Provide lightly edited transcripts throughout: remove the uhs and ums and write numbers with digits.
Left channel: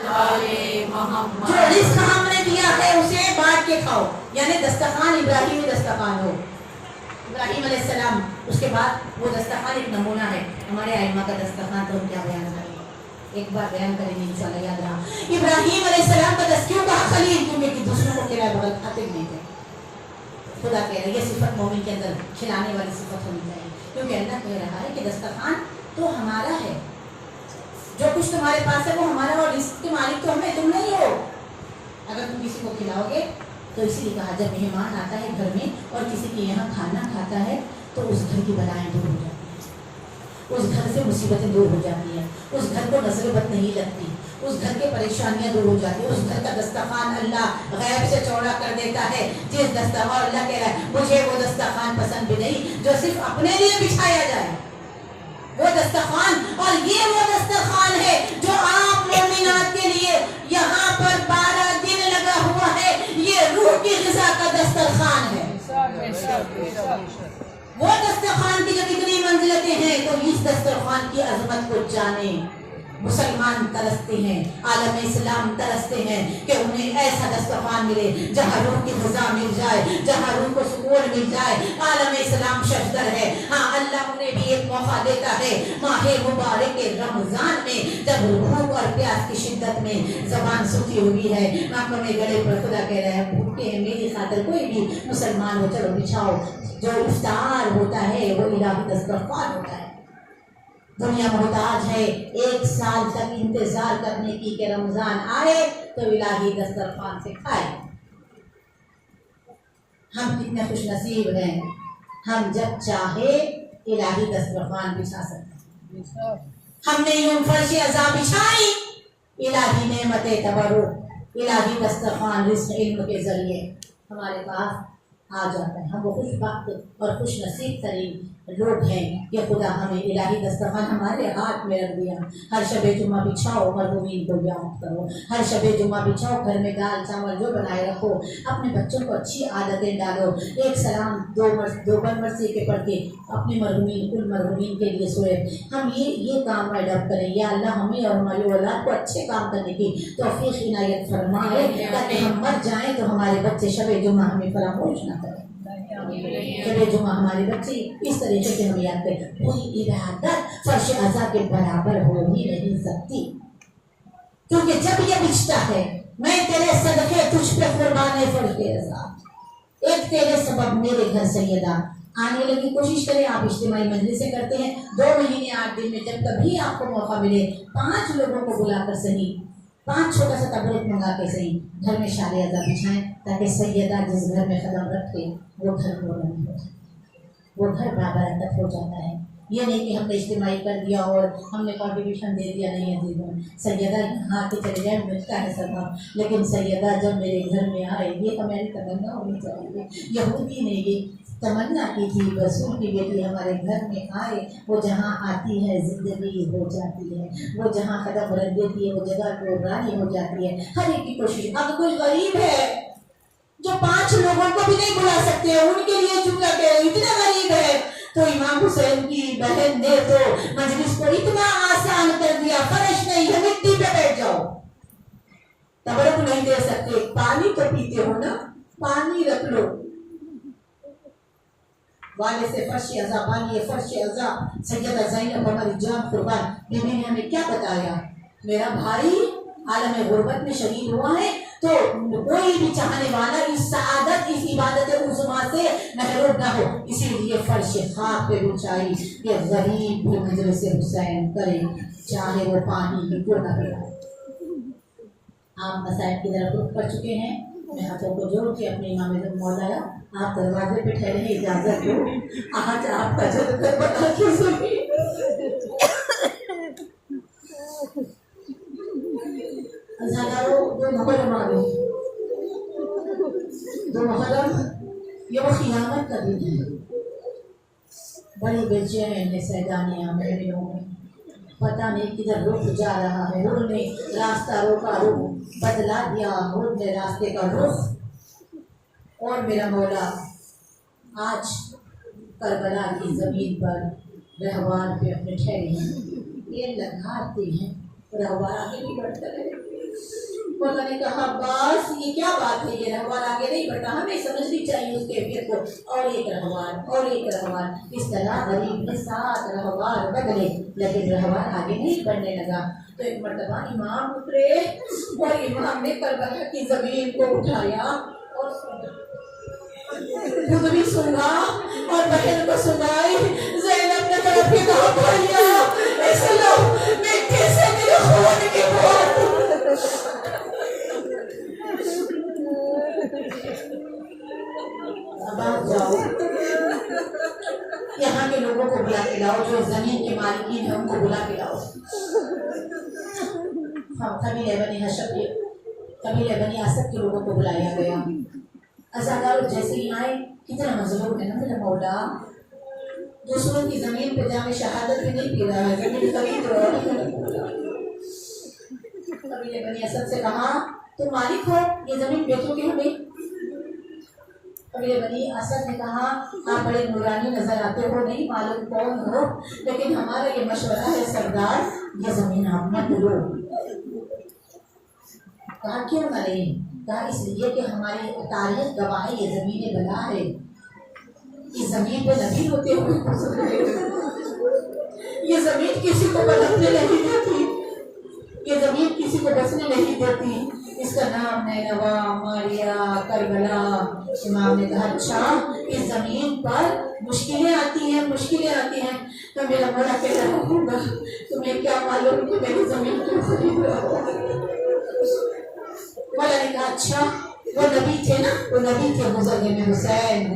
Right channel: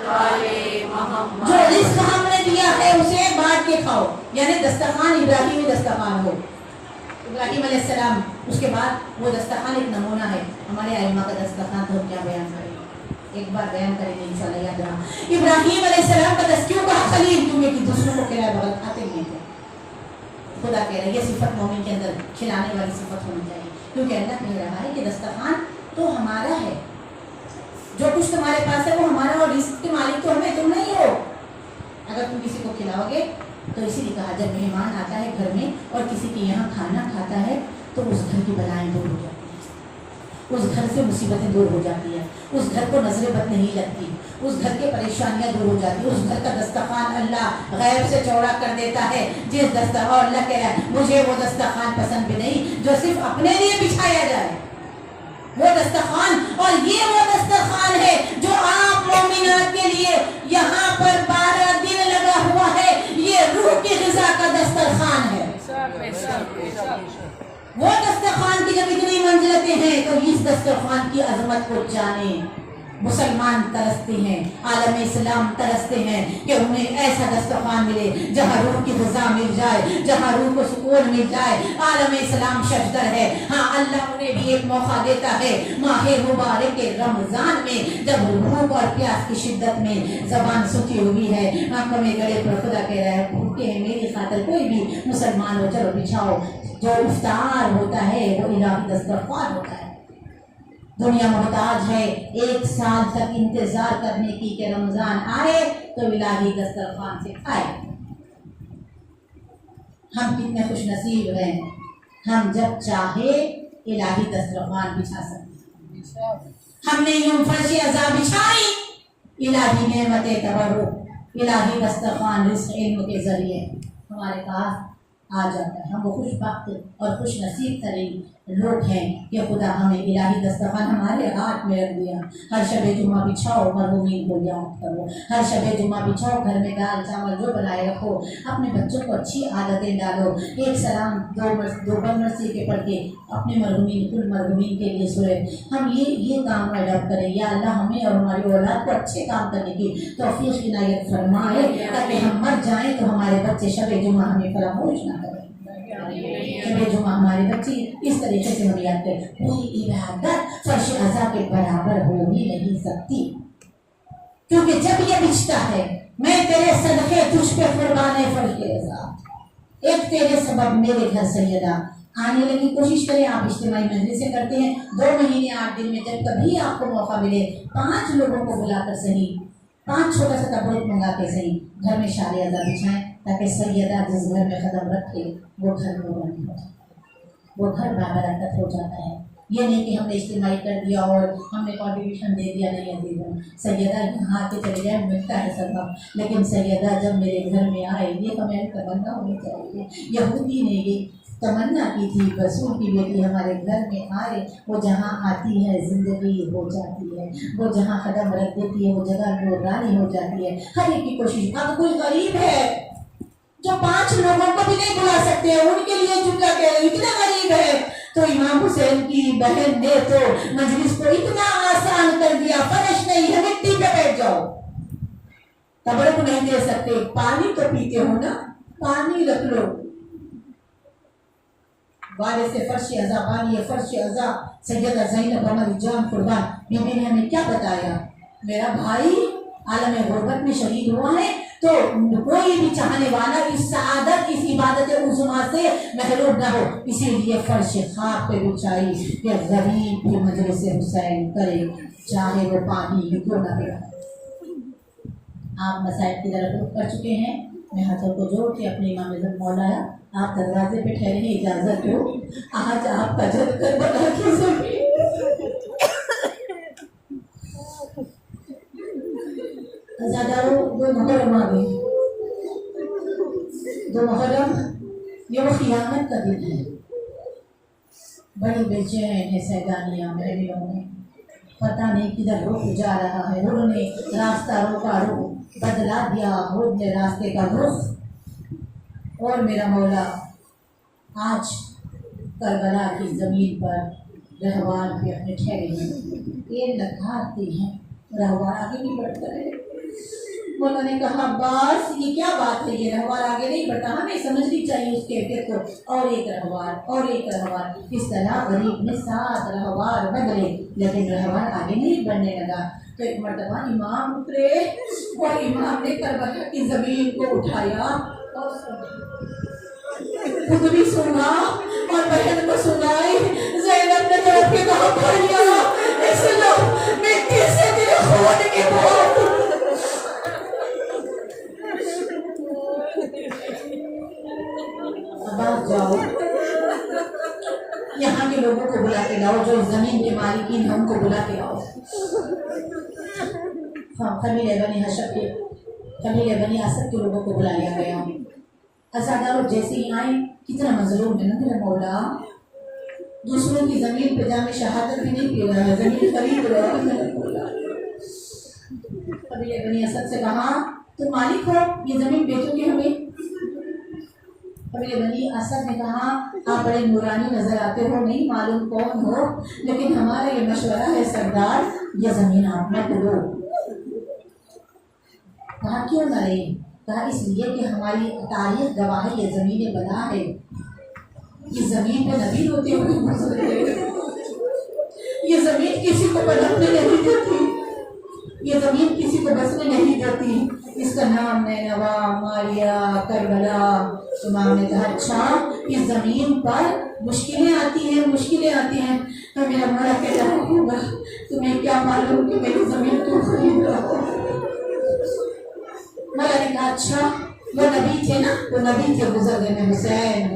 जो रिस्क हमने दिया है उसे बांट के खाओ, यानी दस्तरखान इब्राहिमी दस्तरखान हो। इब्राहिम अलैहिस्सलाम, उसके बाद वो दस्तरखान एक नमूना है। हमारे आइम्मा का दस्तरखान तो हम क्या बयान करेंगे, एक बार बयान करेंगे इंशाल्लाह, याद रहा। इब्राहिम अलैहिस्सलाम का तज़किया कहा खलील, क्योंकि दूसरों को किराए बगल खाते नहीं थे। खुदा कह रहा है ये सिफत मोमिन के अंदर खिलाने वाली सिफत होनी चाहिए, क्योंकि अल्लाह कह रहा है कि दस्तरखान तो हमारा है, जो कुछ तुम्हारे पास है वो हमारा, और रिस्क के मालिक तो हमें, तुम नहीं हो। अगर तुम किसी को खिलाओगे तो इसीलिए कहा जब मेहमान आता है घर में और किसी के यहाँ खाना खाता है तो उस घर की बलाएं दूर हो जाती हैं, उस घर से मुसीबतें दूर हो जाती हैं, उस घर को नजर बद नहीं लगती, उस घर के परेशानियां दूर हो जाती है। उस घर का दस्तरखान अल्लाह गैब से चौड़ा कर देता है। जिस दस्तरखान, अल्लाह कह रहा है मुझे वो दस्तरखान पसंद भी नहीं जो सिर्फ अपने लिए बिछाया जाए, वो दस्तरखान, और ये वो दस्तरखान है जो आप मोमिनात के लिए यहाँ पर 12 दिन लगा हुआ है। ये रूह की ग़िज़ा का दस्तरखान है। वो दस्तरखान की जब इतनी मंजिलतें हैं तो इस दस्तरखान की अजमत को जाने। मुसलमान तरसते हैं, आलम इस्लाम तरसते हैं कि उन्हें ऐसा दस्तरखान मिले जहाँ रूह की ग़िज़ा मिल जाए, जहाँ रूह को सुकून मिल जाए। आलम इस्लाम शजदर है। हाँ, अल्लाह उन्हें भी एक मौका देता है माह मुबारक के रमजान में, जब भूख और प्यास की शिद्दत में जबान सूखी हुई है, आंखों में गले पर खुदा कह रहा है भूखे हैं मेरी खातिर कोई भी मुसलमान हो, चलो बिछाओ। जो इफ्तार होता है वो इलाही दस्तरखान होता है। दुनिया मोहताज है 1 साल तक इंतजार करने की कि रमजान आए तो इलाही दस्तरखान से खाए। हम कितने खुश नसीब हैं, हम जब चाहे इलाही दस्तरखान बिछा सकते हैं। हमने यूं फर्श अज़ा बिछाई, इलाही नेमत तबर्रुक, इलाही दस्तरखान रिज़्क़ इल्म के जरिए हमारे पास आ जाता है। हम वो खुशबख्त और खुश नसीब तरीन लोग हैं कि खुदा हमें इलाही दस्तरखान हमारे हाथ में रख दिया। हर शबे जुम्मा बिछाओ, मरहूमीन को याद करो। हर शबे जुम्मा बिछाओ, घर में दाल चावल जो बनाए रखो, अपने बच्चों को अच्छी आदतें डालो। एक सलाम दो मरसी के पढ़ के अपने मरहूमीन, कुल मरहूमीन के लिए सोए। हम ये काम अडॉप्ट करें। या अल्लाह हमें और हमारी औलाद को अच्छे काम करने की तौफीक इनायत फरमाए, ताकि हम मर जाएं तो हमारे बच्चे शबे जुम्मा हमें फरामोश ना करें। शबे जुम्मा हमारे बच्चे इस तरीके से हम याद करें। कोई इबादत फर्श अज़ा के बराबर हो ही नहीं सकती, क्योंकि जब ये बिछता है मैं तेरे सदके तुझ पे कुर्बान फर्श अज़ा, एक तेरे सबब मेरे घर सैयदा आने लगी। कोशिश करें, आप इज्तिमाई मजलिसें करते हैं 2 महीने 8 दिन में, जब कभी आपको मौका मिले 5 लोगों को बुलाकर सही, 5 छोटा सा तबरूक मंगा के सही घर में शारे अज़ा बिछाएं, ताकि सैयदा जिस घर में कदम रखे वो घर नूरानी हो जाता है, वो घर बाबरकत हो जाता है। ये नहीं कि हमने इज्तिमाई कर दिया और हमने कंट्रीब्यूशन दे दिया, नहीं अजीज़ों। सैयदा यहाँ के चले जाए मिलता है सबक, लेकिन सैयदा जब मेरे घर में आए, ये तो मेरी तमन्ना होनी चाहिए। यहूदी ने ये तमन्ना की थी रसूल की बेटी हमारे घर में आए, वो जहाँ आती है जिंदगी हो जाती है, वो जहाँ कदम रख देती है वो जगह नूरानी हो जाती है। हर एक की कोशिश। अब कोई गरीब है जो 5 लोगों को भी नहीं बुला सकते, उनके लिए जुमला कह रहे इतना गरीब है, तो इमाम हुसैन की बहन ने तो मजलिस को इतना आसान कर दिया, फर्श नहीं है मिट्टी पे बैठ जाओ। तबरुक नहीं दे सकते, पानी तो पीते हो ना, पानी रख लो वाले से फर्श अज़ा बानी फर्श अज़ा। सैयदा ज़ैनब हमारी जान कुर्बान बीबी ने हमें क्या बताया, मेरा भाई आलम गुर्बत में शहीद हुआ है, तो कोई भी चाहने वाला इस सआदत, इस इबादत उज़्मा से महरूम ना हो, इसीलिए फर्श खाक पे बिछाई कि गरीब भी मजलिस हुसैन करे, चाहे वो पानी क्यों ना हो। आप मसाइब की तरफ रुख कर चुके हैं। मैं हाथों को जोड़ के अपने इमाम मौलाया आप दरवाजे पे ठहरे, इजाजत दो, आज आपका जज्बा बता के सुनिए। दो मुहर्रम आ गई, 2 मुहर्रम ये वो क़ियामत का दिन है। बड़ी बेचैन है सैदानियाँ महमियों में, पता नहीं किधर रुख जा रहा है। हुर ने रास्ता रोका, रुख बदला दिया, हुर ने रास्ते का रुख। और मेरा मौला आज करबला की ज़मीन पर रहवान पे अपने ठहरे हैं, ये लगाते हैं रहवान आगे भी बढ़ता है। मौला ने कहा अब्बास ये क्या बात है, ये रहवार आगे नहीं बढ़ता, हमें समझनी चाहिए उस कैफियत को। और एक रहवार इस तरह गरीब ने 7 रहवार बदले, लेकिन रहवार आगे नहीं बढ़ने लगा। तो एक मर्तबा इमाम उतरे और इमाम ने करबला की जमीन को उठाया और खुद भी सुना और बहन को सुनाई। ज़ैनब ने तड़प के कहा भैया ऐसे लो मिट्टी से मेरे खून की बू। अब आप जाओ यहाँ के लोगों को बुला के लाओ, जो जमीन के मालिकीन है उनको बुला के लाओ। हाँ, कबीले बनी असद के लोगों को बुलाया गया। अज़ादार जैसे ही आए, कितना मजलूम है ना मेरा मौला, दूसरों की जमीन पे जाके शहादत भी नहीं पी रहा है, जमीन खरीद रहा है मेरा मौला। कबीले बनी असद से कहा तुम मालिक हो, ये जमीन बेचोगे हमें? कबीले बनी असद ने कहा आप बड़े नूरानी नजर आते हो, नहीं मालूम कौन हो, लेकिन हमारा ये मशवरा है सरदार, ये जमीन आप मत लो। कहा क्यों न ले? कहा इसलिए कि हमारी तारीख गवाह है, ये जमीन बला है, इस जमीन पे नबी होते हुए ये जमीन किसी को पलटने नहीं देती, ये जमीन किसी को बसने नहीं देती। इसका नाम नैनवा, मारिया, करबला। इमाम ने कहा अच्छा इस जमीन पर मुश्किलें आती हैं। तो मेरा मौला कह रहा होगा तुम्हें क्या मालूम कि मेरी जमीन क्यों खरीद रहा हो। मौला ने कहा अच्छा वो नबी थे ना, वो नबी थे, गुजर गए, मैं हुसैन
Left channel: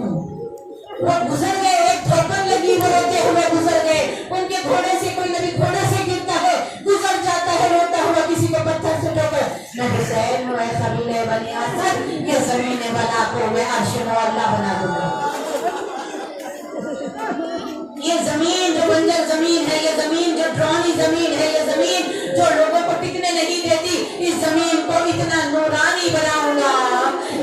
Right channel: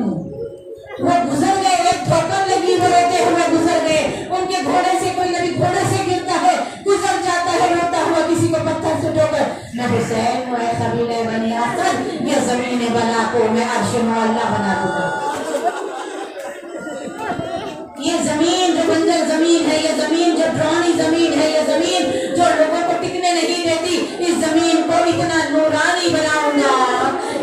हूँ। वो गुजर गए, एक ठोकर लगी, वो रोते हुए गुजर गए। उनके घोड़े से कोई नबी घोड़े से गिरता है, गुजर जाता है रोता हुआ, किसी को पत्थर से ठोकर। मैं हुसैन हूँ, कबीले बनी असद, ये जमीन बना को मैं अर्श मौला बना दूंगा। ये जमीन जो बंजर जमीन है, ये जमीन जो ड्रानी जमीन है, ये जमीन जो लोगों को टिकने नहीं देती, इस जमीन को इतना नूरानी बनाऊंगा,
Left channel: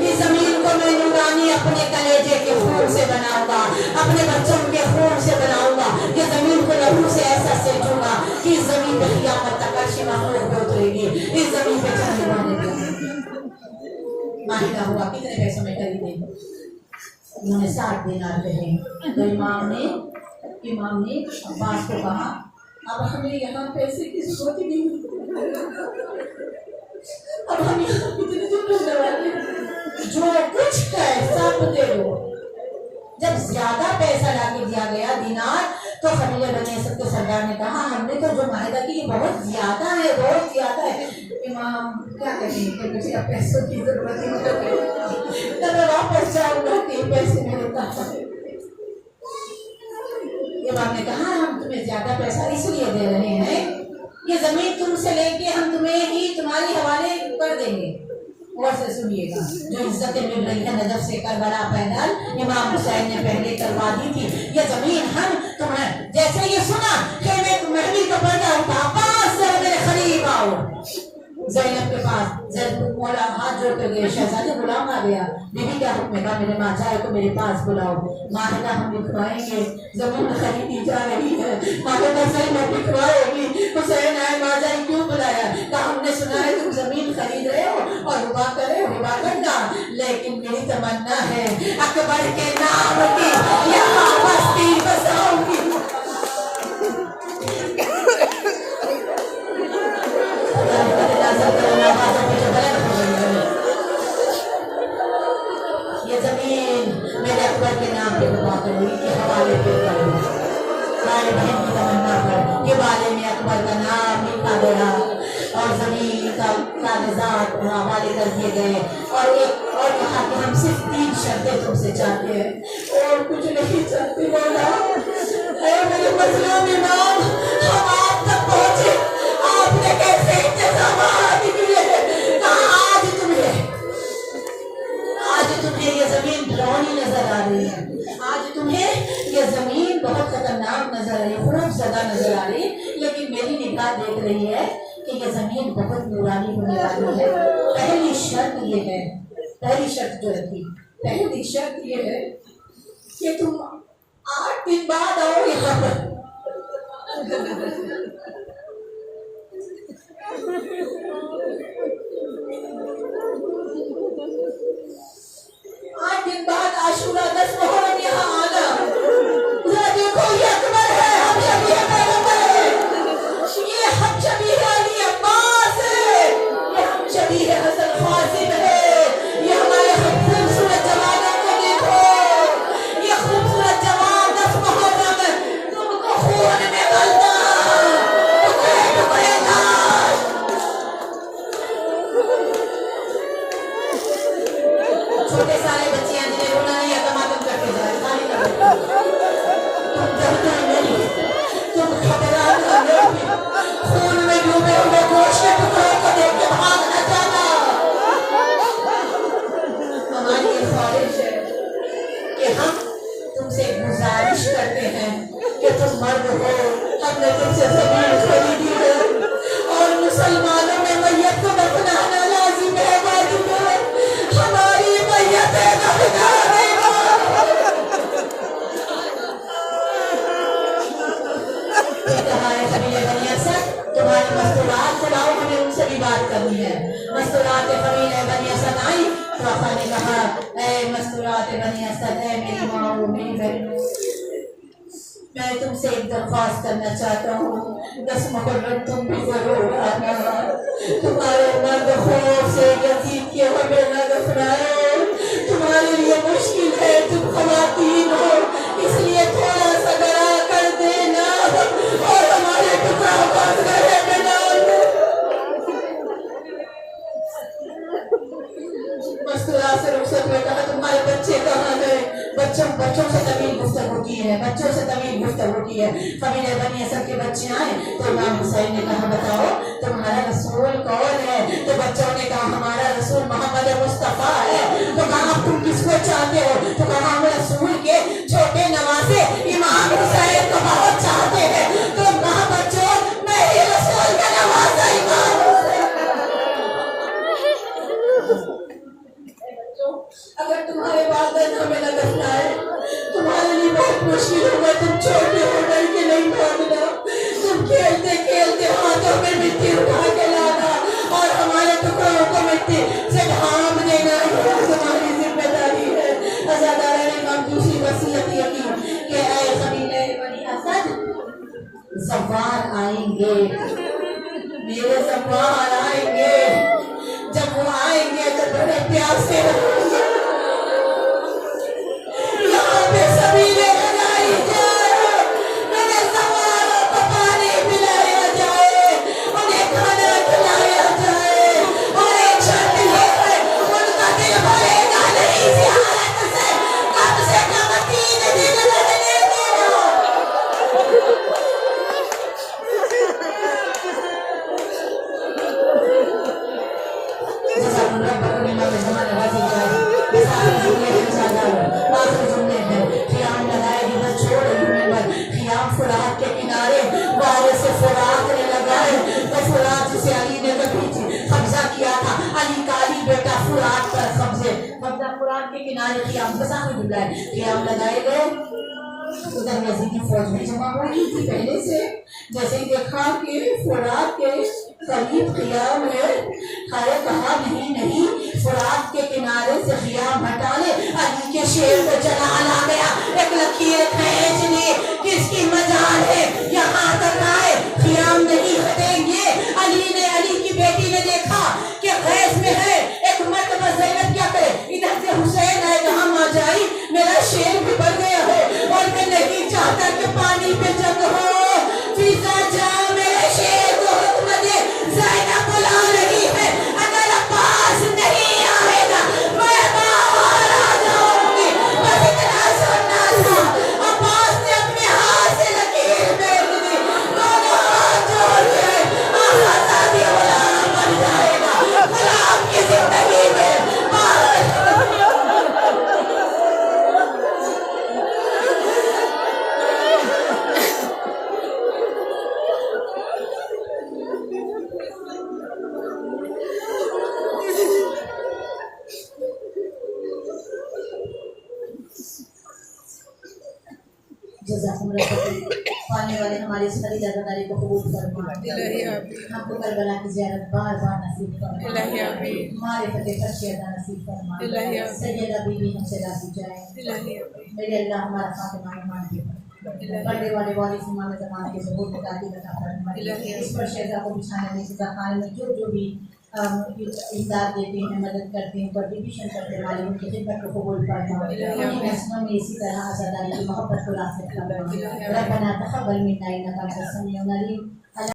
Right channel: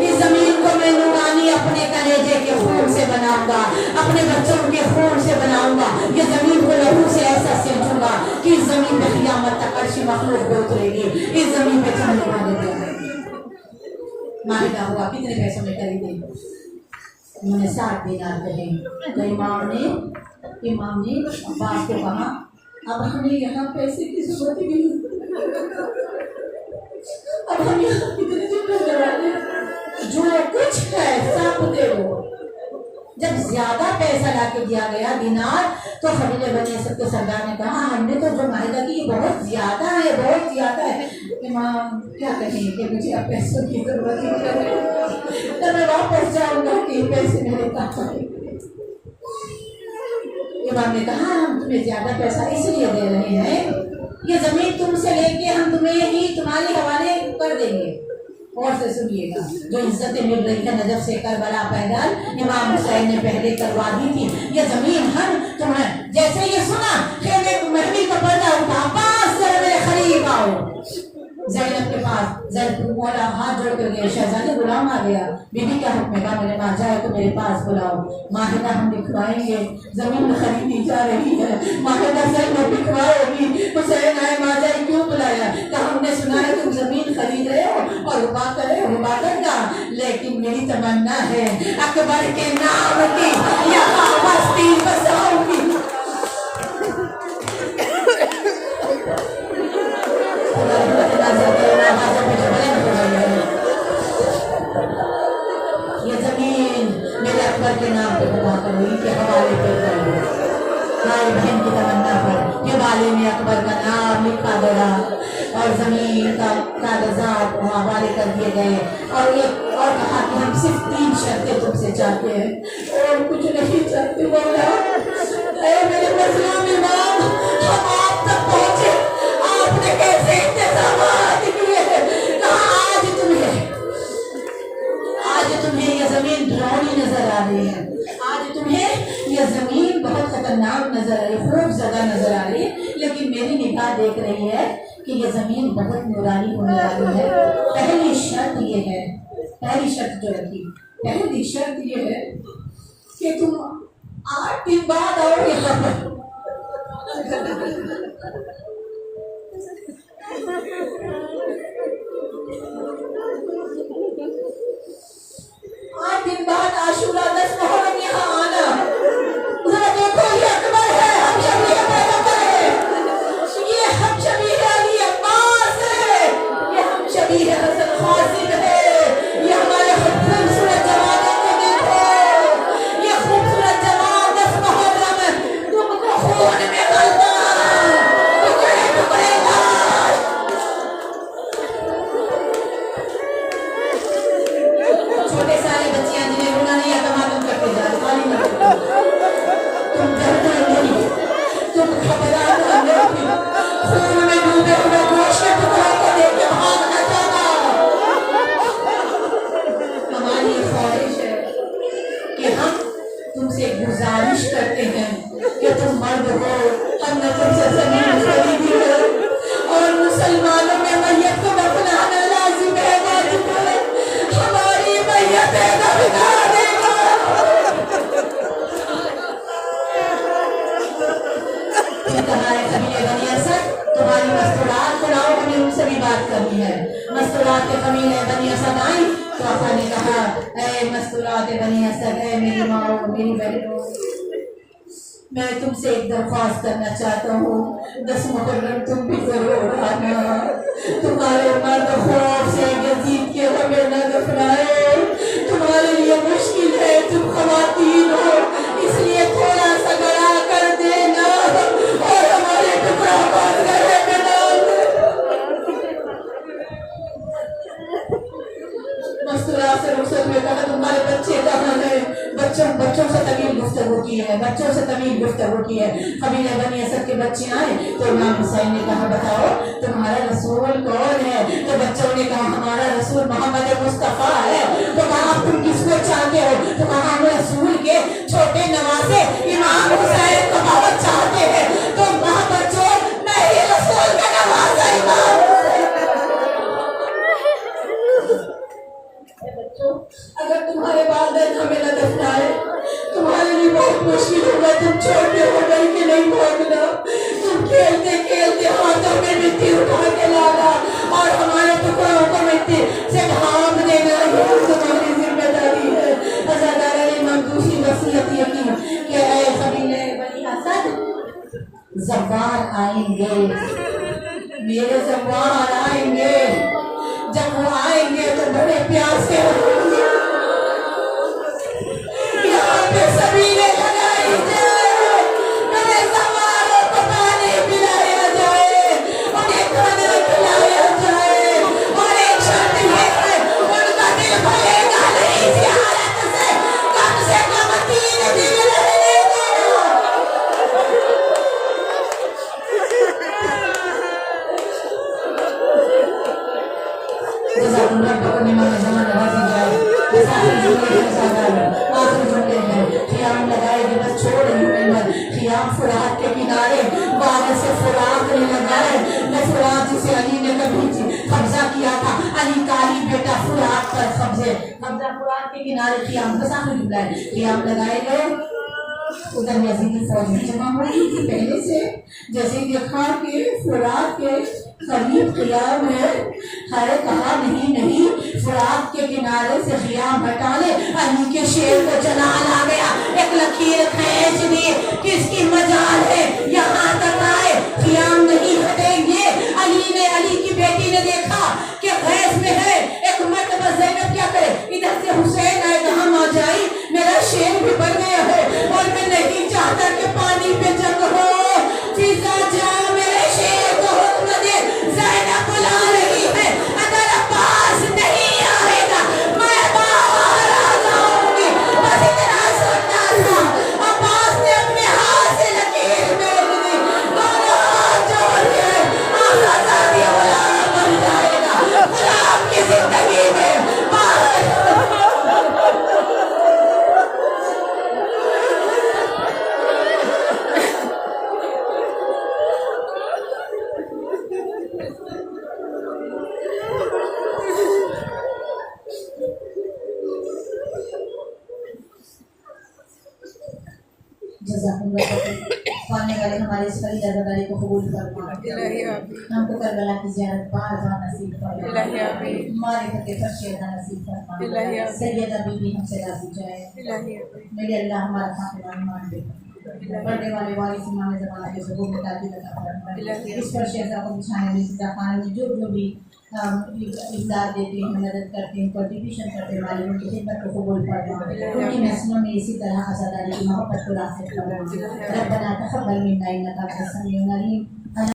इस जमीन को मैं नूरानी अपने कलेजे के खून से बनाऊंगा, अपने बच्चों के खून से बनाऊंगा। ये जमीन को लहू से ऐसा सींचूंगा कि इस जमीन पे क़यामत तक अर्श मखलूक उतरेगी, इस जमीन पे चलने वाले माहिदा हुआ। कितने पैसों में खरीदे? उन्होंने 60 दीनार कहे। तो इमाम ने अब्बास को कहा अब हमें यहाँ पैसे की जरूरत ही नहीं, अब हम यहाँ कितने दिन रहने वाले, जो कुछ है सब दे दो। जब ज्यादा पैसा लाके दिया गया दीनार, तो कबीले बने सबके सरदार ने कहा हमने तो जो माहिदा की ये बहुत ज्यादा है। इमाम क्या कहें कि मुझे अब पैसों की जरूरत है, तो मैं वापस जाऊंगा कि पैसे मेरे पास है। इमाम ने कहा हम तुम्हें ज्यादा पैसा इसलिए दे रहे हैं, ये जमीन तुमसे लेके हम तुम्हें ही तुम्हारी हवाले कर देंगे। और से सुनिएगा, जो इज्जतें मिल रही है नजफ से करबला पैदल इमाम हुसैन ने पहले करवा दी थी। ये जमीन हम तुम्हें, जैसे ये सुना कि महफिल का पर्दा उठा, पास मेरे करीब आओ। ज़ैनब के पास मौला हाथ जोड़ कर गए, शहजादे गुलाम आ गया, बीबी का हुक्म है मेरे माँ जाए तो मेरे पास बुलाओ, माहिदा हम लिखवाएंगे, जमीन खरीदी जा रही है, माहिदा ज़ैनब लिखवाएगी। हुसैन आए, माँ जाए क्यों बुलाया? कहा हमने सुना है तुम जमीन खरीद रहे हो और हिबा करना, लेकिन मेरी तमन्ना है अकबर के नाम की यहाँ बस्ती बसाऊंगी। ये जमीन मेरे अकबर के नाम पे बता करूंगी के हवाले पे करूंगी। हमारी बहन की तमन्ना पर के वाले ने अकबर का नाम लिखा गया और जमीन का कागजात हवाले कर दिए गए। और कहा कि हम सिर्फ 3 शर्तें तुमसे चाहते हैं और कुछ नहीं चाहते। बोला मेरे मजलूम इमाम, हम आप तक पहुंचे, आपने कैसे इंतजाम किए? आज तुम्हें ये जमीन डरावनी नजर आ रही है, आज तुम्हें ये जमीन बहुत खतरनाक नजर आ रही है, खूबसूरत नजर आ रही है, लेकिन मेरी निगाह देख रही है कि ये जमीन बहुत नूरानी होने वाली है। पहली शर्त ये है, पहली शर्त जो रखी, पहली शर्त ये है कि तुम 8 दिन बाद आओ यहाँ पर। 8 दिन बाद आशूरा 10 मुहर्रम यहाँ आना, जरा देखो ये अकबर है, हम शबीह पैगंबर है, ये हम शबीह अली अब्बास है, ये हम शबीह हसन क़ासिम है, ये हमारे खूबसूरत जवानों को देखो, ये खूबसूरत जवान 10 मुहर्रम तुमको खून में गलता, टुकड़े टुकड़े लाश। छोटे सारे बच्चियां जिन्हें रोना नहीं आता मातम करते जा रहे, खाली तुम डरना नहीं, तुम घबराना नहीं, खून में डूबे हुए गोश्त के टुकड़ों को देख के भागना जाना। हमारी ये ख्वाहिश है कि हम तुमसे गुजारिश करते हैं कि तुम मर्द हो, हमने तुमसे जमीन खरीदी है और मुसलमानों में मैयत को दफनाना लाजिम है, वाजिब है, हमारी मैयत दफना देना। तुम्हारी मस्तूरात सुनाओ, हमें उनसे भी बात करनी है। मस्तूरात कमीने बनी असद आई, पापा ने कहा ऐ मस्तूरात बनी असद, ऐ मेरी माँ मेरी बहनों, मैं तुमसे एक दरख्वास्त करना चाहता हूँ, 10 मुहर्रम तुम भी जरूर आना, तुम्हारे मर्द खौफ से यजीद के हमें न दफनाए, तुम्हारे लिए मुश्किल है, तुम खवातीन हो, इसलिए थोड़ा सा गड़ा कर देना और हमारे टुकड़ों को गले में डाल दे। मस्तूरा से रुखसत में कहा तुम्हारे बच्चे कहाँ गए? बच्चों से तवील गुफ्तगू की है, बच्चों से तवील गुफ्तगू की है। कबीले बनी असद के बच्चे आए तो इमाम हुसैन ने कहा बताओ तुम्हारा रसूल कौन है? तो बच्चों ने कहा हमारा रसूल मोहम्मद मुस्तफा है। तो कहा अब तुम किसको चाहते हो? तो कहा हम रसूल के छोटे नवासे इमाम हुसैन को बहुत चाहते हैं। तो कहा बच्चों मैं ही रसूल का नवासा इमाम अगर तुम्हारे वालिदैन हमें न दफनाए, तुम्हारे लिए बहुत मुश्किल होगा, तुम छोटे हो डर के नहीं भागना, तुम खेलते खेलते हाथों में मिट्टी उठा के लाना और हमारे टुकड़ों को मिट्टी से ढांप देना, ये तुम्हारी जिम्मेदारी है। अज़ादारा ने इमाम दूसरी वसीयत ये की कि ऐ कबीले बनी असद, ज़फ़ार आएंगे, मेरे ज़फ़ार आएंगे, जब वो आएंगे तो बड़े प्यासे होंगे, यहाँ पे सबीले लगाई जाए, मेरे सवारों को पानी पिलाया जाए, उन्हें खाना खिलाया जाए और एक शर्त ये है उनका दिल भरेगा नहीं इस हालत से कम 3 दिन रहने दो। फुरात के किनारे वारिस से फुरात ने लगाए, वो फुरात जिसे अली ने कभी कब्जा किया था, अली का अली बेटा फुरात पर कब्जा फुरात के किनारे क़ियाम लगाए गए। उधर यजीदी फौज भी जमा हो रही थी पहले से, जैसे देखा कि फुरात के करीब क़ियाम है, हरे कहा नहीं फुरात के किनारे से क़ियाम हटा ले, अली के शेर को चला आ गया, एक लकीर खींच ली, किसकी मजाल है यहाँ तक आए, क़ियाम नहीं हटेंगे। अली की बेटी ने देखा कि गैस में है, एक मर्तबा ज़ैनब क्या करे, इधर से हुसैन आए, कहाँ आ जाए मेरा शेर भी बन गया हो और मैं नहीं चाहता कि पानी पे जंग हो, फिजा जा मेरे शेर को हुक्म दे, ज़ैनब बुला रही है, अगर अब्बास नहीं आएगा मैं बाहर आ जाऊंगी। बस इतना सुनना था, अब्बास ने अपने हाथ से लकीर फेंक दी, दोनों हाथ जोड़ के आज़ादी गुलाम बन जाएगा, गुलाम की जिंदगी में पाने वाले हमारे हमारे इस खलील अज़ादारी को कबूल फरमा। इलाही आमीन, हमको करबला की ज़ियारत बार बार नसीब फरमा। इलाही आमीन, हमारे फतेह फर्श अदा नसीब फरमा। इलाही आमीन, सैयदा बीबी हमसे राज़ी जाए। इलाही आमीन, मेरे अल्लाह हमारा फातिमा ईमान दे। पढ़ने वाले वारिस इमाम ज़माना के ज़बूर के ताक़ी लगा फरमा। इस पर शेज़ा को बिछाने वाली सज़ा खाने में जो भी इमदाद देते हैं, मदद करते हैं, कंट्रीब्यूशन करते हैं, वाले उनकी खिदमत को कबूल फरमा। उनकी महसूलों में इसी तरह आज़ादारी की मोहब्बत को रासिख़ फरमा। रब्बना तक़ब्बल मिन्ना इन्नका अंतस समीउल अलीम।